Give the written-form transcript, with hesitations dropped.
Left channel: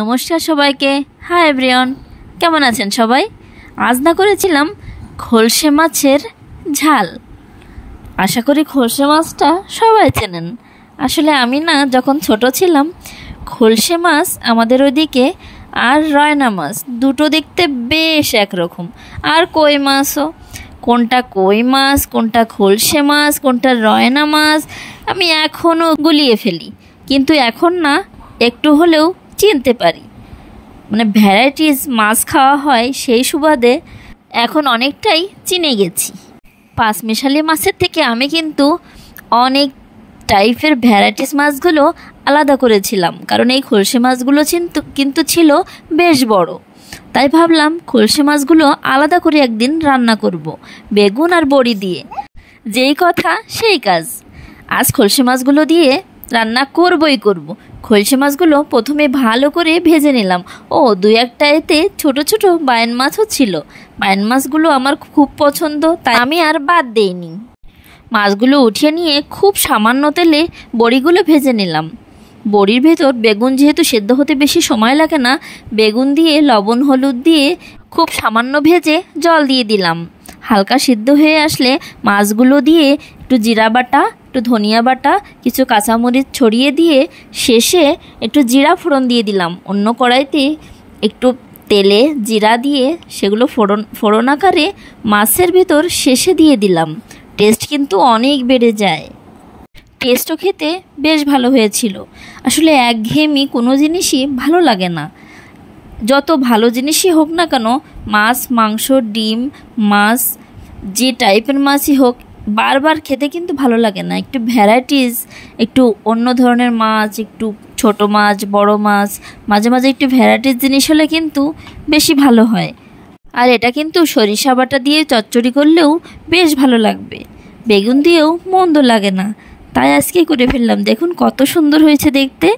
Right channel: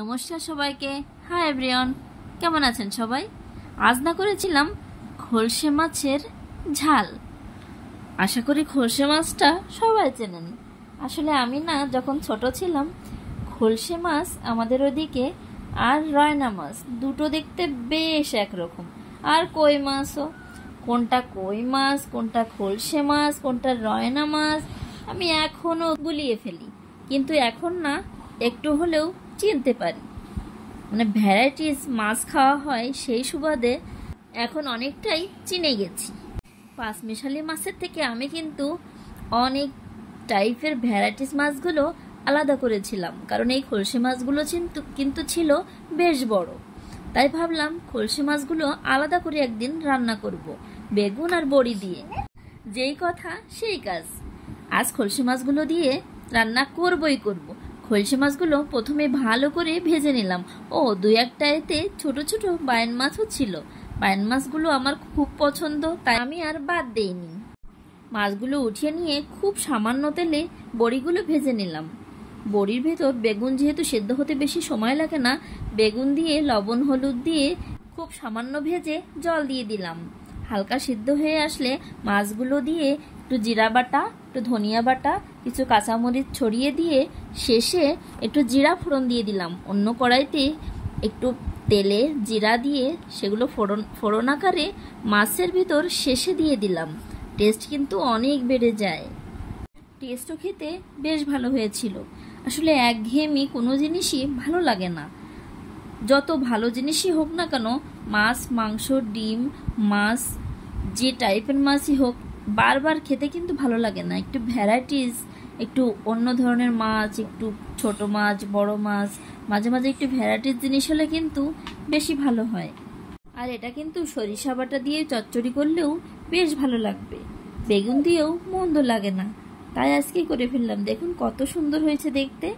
নমস্কার সবাইকে। Hi everyone, কেমন আছেন সবাই? আজ না করেছিলাম খলসে মাছের ঝাল। আশা করি খলসে মাছটা সবাই চেনেন। আসলে আমি না যখন ছোট ছিলাম, খলসে মাছ আমাদের ওইদিকে আর রয়না মাছ দুটো দেখতে বেশ একরকম। আর কই মাছও, কোনটা কই মাছ, কোনটা খলসে মাছ, কোনটা রয়না মাছ আমি এখনও গুলিয়ে ফেলি। কিন্তু এখন না একটু হলেও চিনতে পারি, মানে ভ্যারাইটিস মাছ খাওয়া হয় সেই সুবাদে এখন অনেকটাই চিনে গেছি। পাঁচমিশালি মাছের থেকে আমি কিন্তু অনেক টাইপের ভ্যারাইটিস মাছগুলো আলাদা করেছিলাম, কারণ এই খলসে মাছগুলো কিন্তু ছিল বেশ বড়। তাই ভাবলাম খলসে মাছগুলো আলাদা করে একদিন রান্না করব বেগুন আর বড়ি দিয়ে। যেই কথা সেই কাজ, আজ খলসে মাছগুলো দিয়ে রান্না করবই করব। খলসে মাছগুলো প্রথমে ভালো করে ভেজে নিলাম। দুই একটা এতে ছোট ছোট বায়ান মাছও ছিল। বায়ান মাছগুলো আমার খুব পছন্দ, তাই আমি আর বাদ দেইনি। মাছগুলো উঠিয়ে নিয়ে খুব সামান্য তেলে বড়িগুলো ভেজে নিলাম। বড়ির ভেতর বেগুন যেহেতু সেদ্ধ হতে বেশি সময় লাগে না, বেগুন দিয়ে লবণ হলুদ দিয়ে খুব সামান্য ভেজে জল দিয়ে দিলাম। হালকা সিদ্ধ হয়ে আসলে মাছগুলো দিয়ে একটু জিরা বাটা, একটু ধনিয়া বাটা, কিছু কাঁচামরিচ ছড়িয়ে দিয়ে শেষে একটু জিরা ফোড়ন দিয়ে দিলাম। অন্য কড়াইতে একটু তেলে জিরা দিয়ে সেগুলো ফোড়ন আকারে মাছের ভেতর শেষে দিয়ে দিলাম। টেস্ট কিন্তু অনেক বেড়ে যায়। টেস্টও খেতে বেশ ভালো হয়েছিল। আসলে একঘেয়েমি কোনো জিনিসই ভালো লাগে না, যত ভালো জিনিসই হোক না কেন, মাছ, মাংস, ডিম, মাছ, যে টাইপের মাছই হোক, বারবার খেতে কিন্তু ভালো লাগে না। একটু ভ্যারাইটিস, একটু অন্য ধরনের মাছ, একটু ছোট মাছ, বড় মাছ, মাঝে মাঝে একটু ভ্যারাইটিস জিনিস হলে কিন্তু বেশি ভালো হয়। আর এটা কিন্তু সরিষা বাটা দিয়ে চচ্চড়ি করলেও বেশ ভালো লাগবে, বেগুন দিয়েও মন্দ লাগে না। তাই আজকে করে ফেললাম। দেখুন কত সুন্দর হয়েছে দেখতে।